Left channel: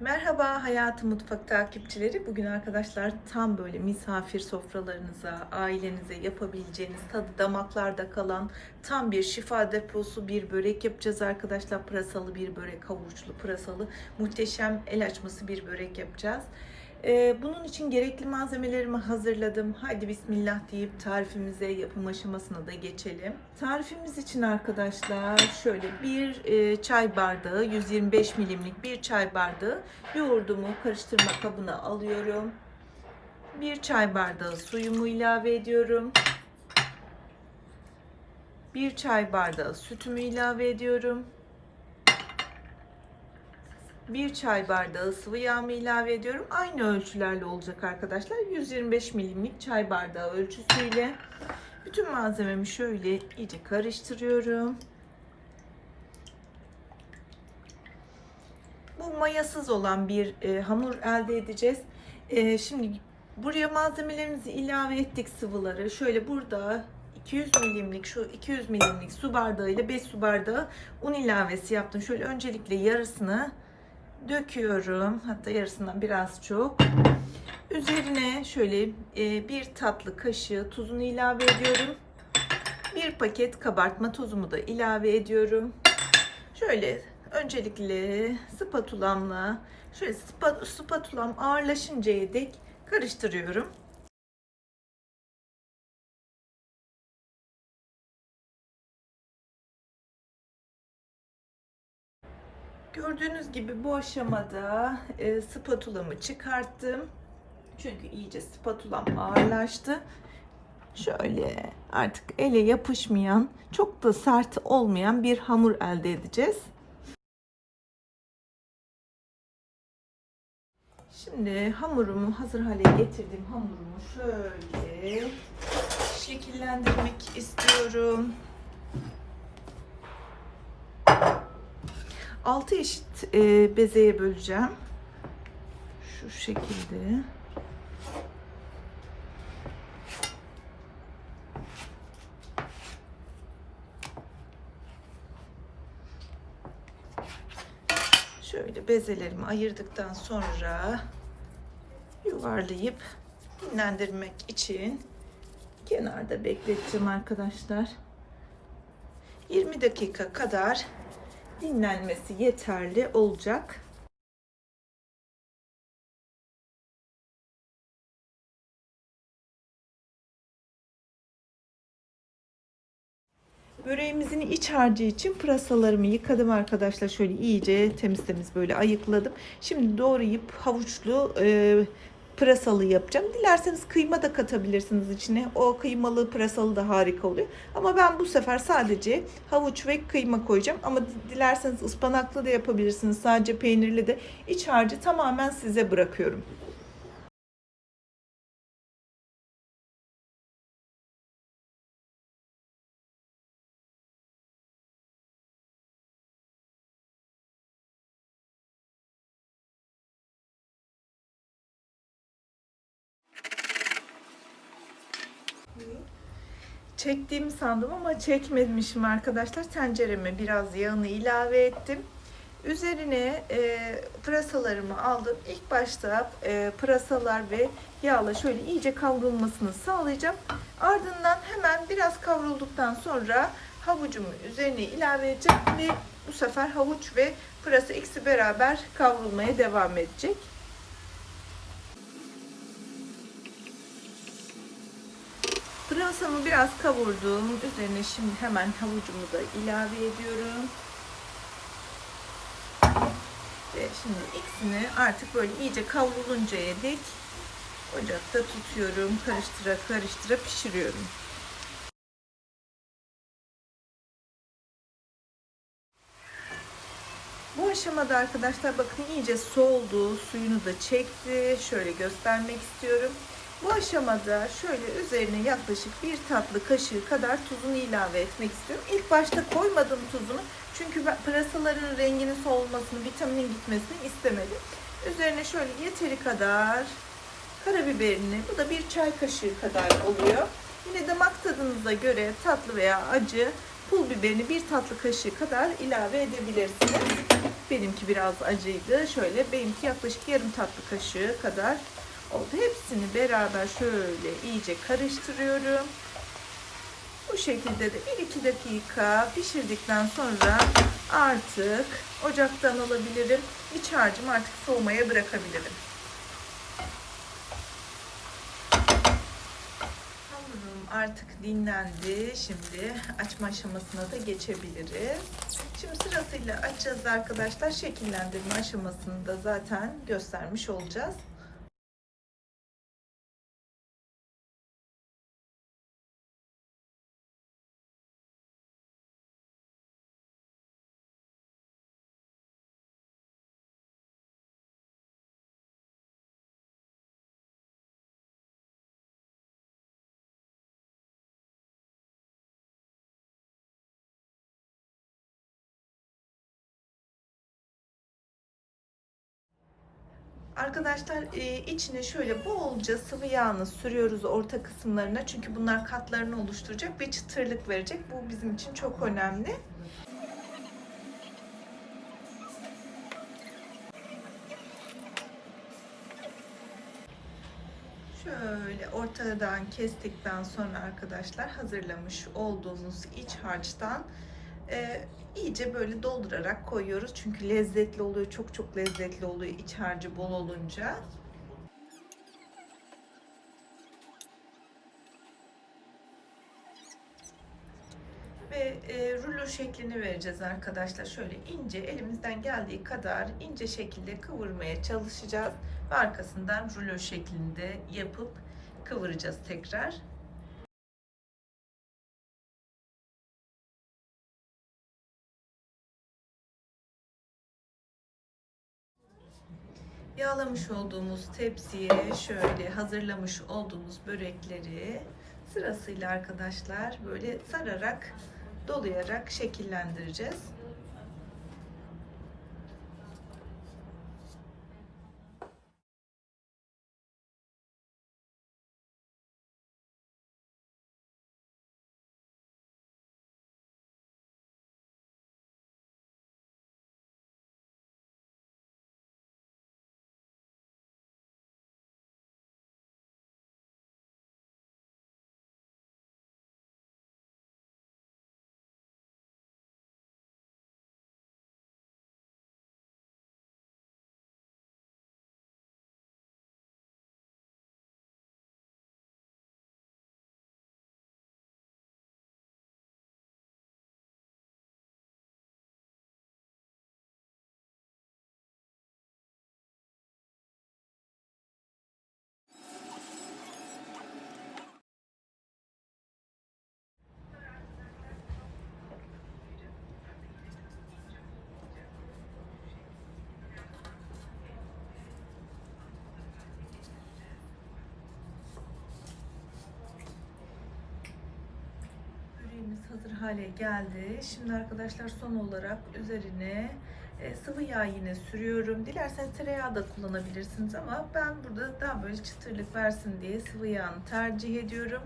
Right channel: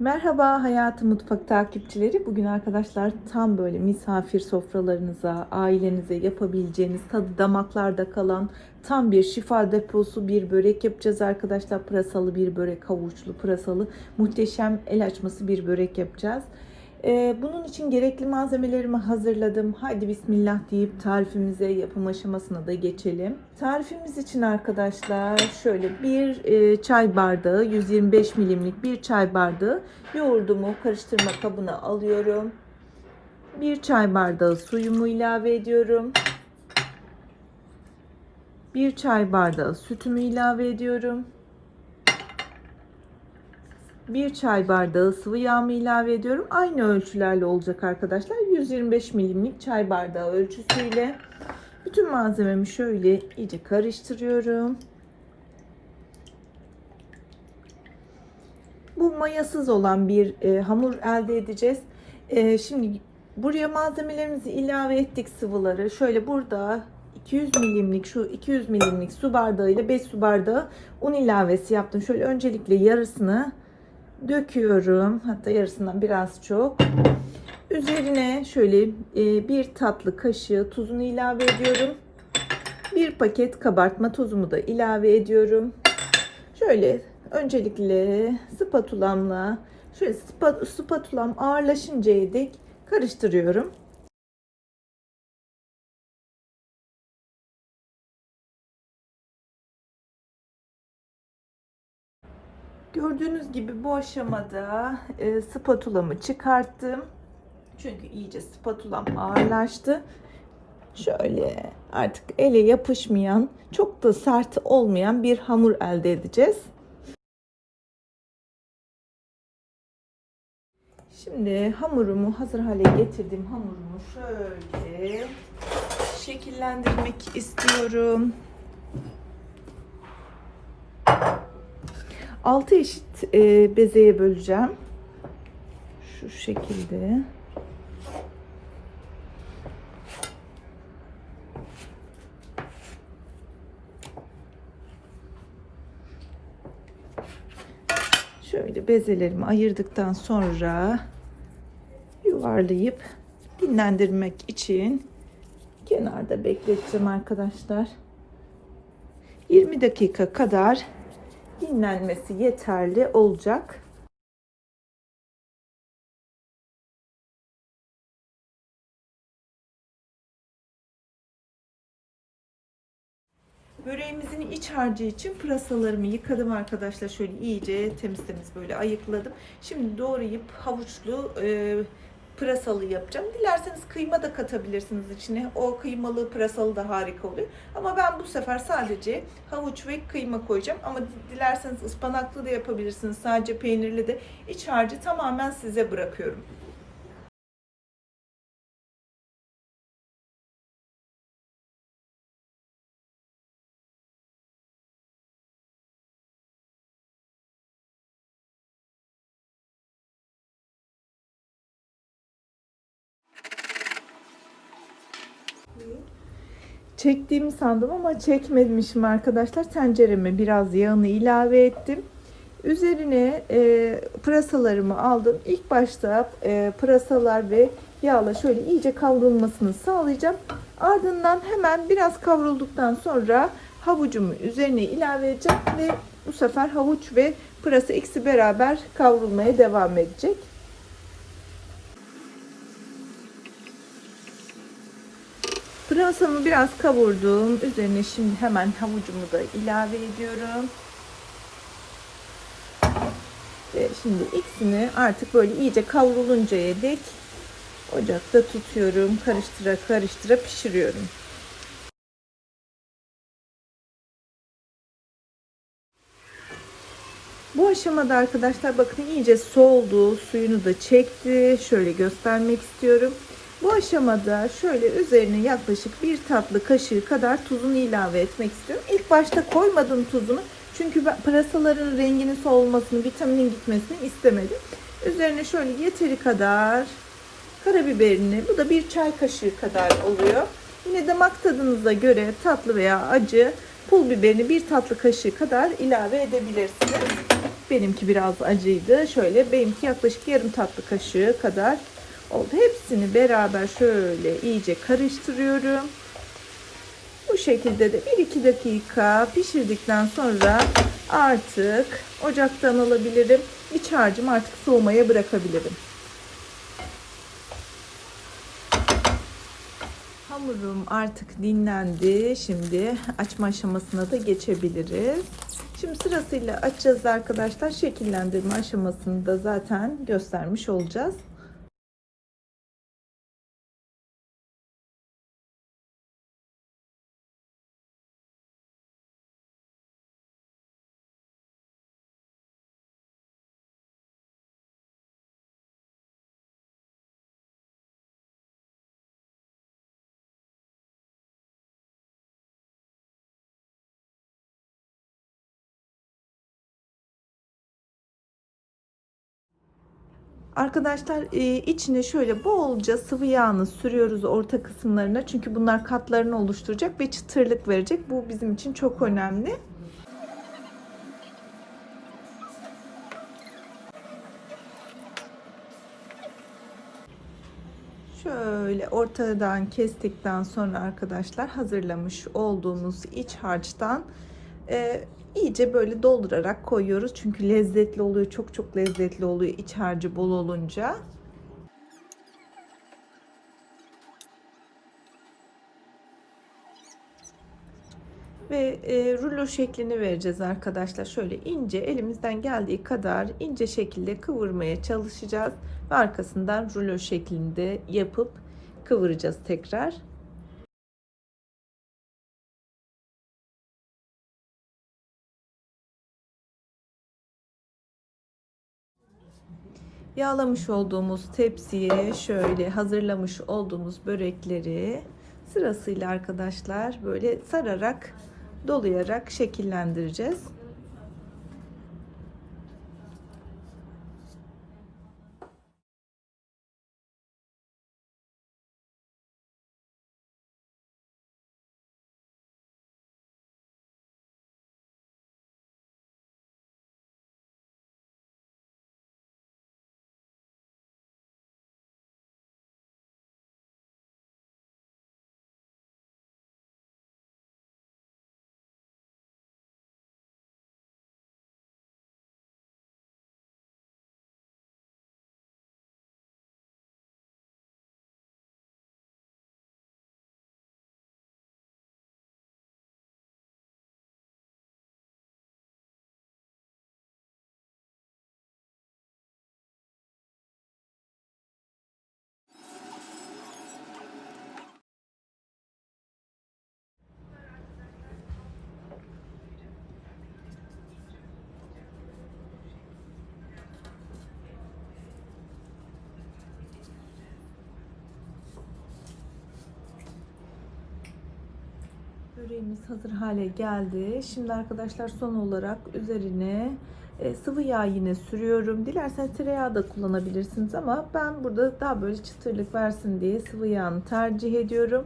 Merhaba Hayatı Mutfak takipçileri. Bugün arkadaşlar tam böyle misafir sofralarınıza, ailenize yapabileceğiniz tadı damaklarda kalan tam bir şifa deposu bir börek yapacağız arkadaşlar. Pırasalı bir börek, havuçlu pırasalı muhteşem el açması bir börek yapacağız. Ee, bunun için gerekli malzemelerimi hazırladım. Haydi bismillah deyip tarifimize yapım aşamasına da geçelim. Tarifimiz için arkadaşlar şöyle bir e, çay bardağı 125 milimlik bir çay bardağı yoğurdumu karıştırma kabına alıyorum. Bir çay bardağı suyumu ilave ediyorum. Bir çay bardağı sütümü ilave ediyorum. Bir çay bardağı sıvı yağımı ilave ediyorum. Aynı ölçülerle olacak arkadaşlar. 125 milimlik çay bardağı ölçüsüyle. Bütün malzememi şöyle iyice karıştırıyorum. Bu mayasız olan bir e, hamur elde edeceğiz. E, şimdi buraya malzemelerimizi ilave ettik sıvıları. Şöyle burada 200 milimlik şu 200 milimlik su bardağı ile 5 su bardağı un ilavesi yaptım. Şöyle öncelikle yarısını döküyorum. Hatta yarısından biraz çok. Üzerine şöyle e, bir tatlı kaşığı tuzunu ilave ediyorum. Bir paket kabartma tozumu da ilave ediyorum. Şöyle öncelikle spatulamla şöyle spatulam ağırlaşıncaya dek karıştırıyorum. Gördüğünüz gibi bu aşamada e, spatulamı çıkarttım. Çünkü iyice spatulam ağırlaştı. Şöyle artık ele yapışmayan, çok da sert olmayan bir hamur elde edeceğiz. Şimdi hamurumu hazır hale getirdim. Hamurumu şöyle şekillendirmek istiyorum. 6 eşit e, bezeye böleceğim. Şu şekilde. Şöyle bezelerimi ayırdıktan sonra yuvarlayıp dinlendirmek için kenarda bekleteceğim arkadaşlar. 20 dakika kadar dinlenmesi yeterli olacak. Böreğimizin iç harcı için pırasalarımı yıkadım arkadaşlar. Şöyle iyice temiz temiz böyle ayıkladım. Şimdi doğrayıp havuçlu e, pırasalı yapacağım. Dilerseniz kıyma da katabilirsiniz içine. O kıymalı pırasalı da harika oluyor. Ama ben bu sefer sadece havuç ve kıyma koyacağım. Ama dilerseniz ıspanaklı da yapabilirsiniz. Sadece peynirli de. İç harcı tamamen size bırakıyorum. Çektiğimi sandım ama çekmemişim arkadaşlar. Tencereme biraz yağını ilave ettim. Üzerine e, pırasalarımı aldım. İlk başta e, pırasalar ve yağla şöyle iyice kavrulmasını sağlayacağım. Ardından hemen biraz kavrulduktan sonra havucumu üzerine ilave edeceğim ve bu sefer havuç ve pırasa ikisi beraber kavrulmaya devam edecek. Pırasamı biraz kavurdum. Üzerine şimdi hemen havucumu da ilave ediyorum. Ve şimdi ikisini artık böyle iyice kavruluncaya dek ocakta tutuyorum. Karıştıra karıştıra pişiriyorum. Bu aşamada arkadaşlar bakın iyice soğudu. Suyunu da çekti. Şöyle göstermek istiyorum. Bu aşamada şöyle üzerine yaklaşık bir tatlı kaşığı kadar tuzunu ilave etmek istiyorum. İlk başta koymadım tuzunu. Çünkü ben pırasaların renginin solmasını, vitaminin gitmesini istemedim. Üzerine şöyle yeteri kadar karabiberini, bu da bir çay kaşığı kadar oluyor. Yine damak tadınıza göre tatlı veya acı pul biberini bir tatlı kaşığı kadar ilave edebilirsiniz. Benimki biraz acıydı. Şöyle benimki yaklaşık yarım tatlı kaşığı kadar oldu. Hepsini beraber şöyle iyice karıştırıyorum. Bu şekilde de 1-2 dakika pişirdikten sonra artık ocaktan alabilirim. İç harcımı artık soğumaya bırakabilirim. Hamurum artık dinlendi. Şimdi açma aşamasına da geçebiliriz. Şimdi sırasıyla açacağız arkadaşlar. Şekillendirme aşamasını da zaten göstermiş olacağız. Arkadaşlar e, içine şöyle bolca sıvı yağını sürüyoruz orta kısımlarına. Çünkü bunlar katlarını oluşturacak ve çıtırlık verecek. Bu bizim için çok önemli. Şöyle ortadan kestikten sonra arkadaşlar hazırlamış olduğumuz iç harçtan e, iyice böyle doldurarak koyuyoruz. Çünkü lezzetli oluyor. Çok çok lezzetli oluyor iç harcı bol olunca. Ve e, rulo şeklini vereceğiz arkadaşlar. Şöyle ince elimizden geldiği kadar ince şekilde kıvırmaya çalışacağız. Ve arkasından rulo şeklinde yapıp kıvıracağız tekrar. Yağlamış olduğumuz tepsiye şöyle hazırlamış olduğumuz börekleri sırasıyla arkadaşlar böyle sararak dolayarak şekillendireceğiz. Böreğimiz hazır hale geldi. Şimdi arkadaşlar son olarak üzerine e, sıvı yağ yine sürüyorum. Dilerseniz tereyağı da kullanabilirsiniz ama ben burada daha böyle çıtırlık versin diye sıvı yağını tercih ediyorum.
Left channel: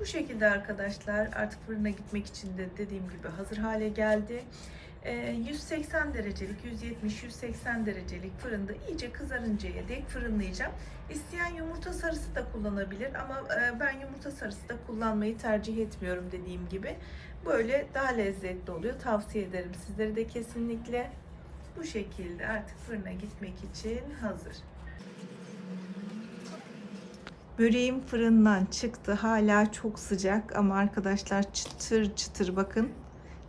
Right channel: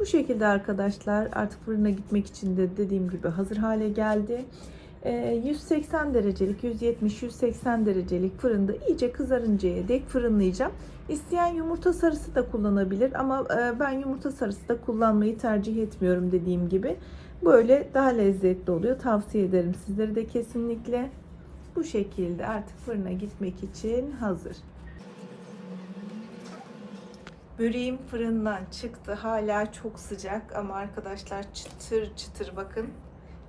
Bu şekilde arkadaşlar artık fırına gitmek için de dediğim gibi hazır hale geldi. 180 e, derecelik 170-180 derecelik fırında iyice kızarıncaya dek fırınlayacağım. İsteyen yumurta sarısı da kullanabilir ama e, ben yumurta sarısı da kullanmayı tercih etmiyorum dediğim gibi. Böyle daha lezzetli oluyor. Tavsiye ederim sizlere de kesinlikle. Bu şekilde artık fırına gitmek için hazır. Böreğim fırından çıktı. Hala çok sıcak ama arkadaşlar çıtır çıtır bakın.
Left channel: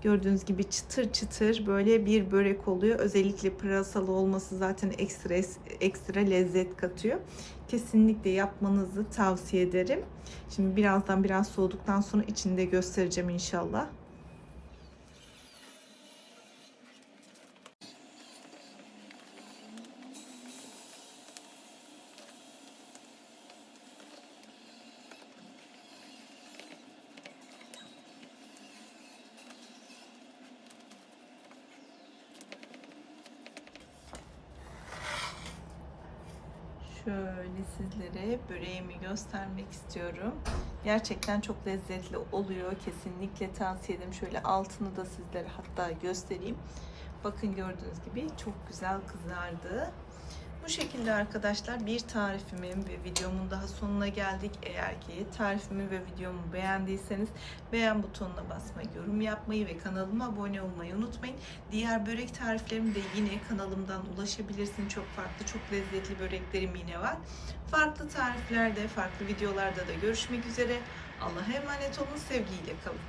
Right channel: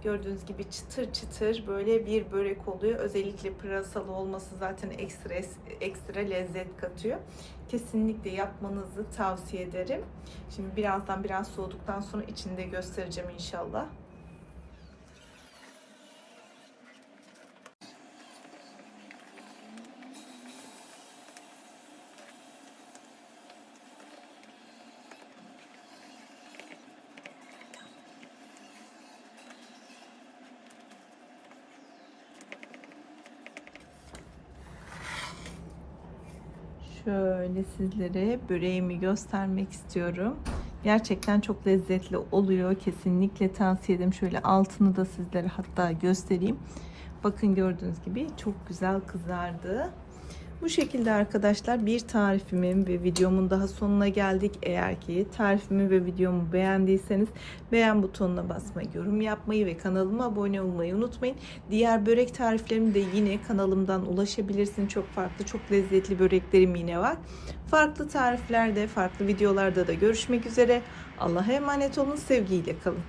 Gördüğünüz gibi çıtır çıtır böyle bir börek oluyor. Özellikle pırasalı olması zaten ekstra ekstra lezzet katıyor. Kesinlikle yapmanızı tavsiye ederim. Şimdi birazdan biraz soğuduktan sonra içinde göstereceğim inşallah. Şöyle sizlere böreğimi göstermek istiyorum. Gerçekten çok lezzetli oluyor. Kesinlikle tavsiye ederim. Şöyle altını da sizlere hatta göstereyim. Bakın gördüğünüz gibi çok güzel kızardı. Bu şekilde arkadaşlar bir tarifimin ve videomun daha sonuna geldik. Eğer ki tarifimi ve videomu beğendiyseniz beğen butonuna basmayı, yorum yapmayı ve kanalıma abone olmayı unutmayın. Diğer börek tariflerimi de yine kanalımdan ulaşabilirsin. Çok farklı, çok lezzetli böreklerim yine var. Farklı tariflerde, farklı videolarda da görüşmek üzere. Allah'a emanet olun, sevgiyle kalın.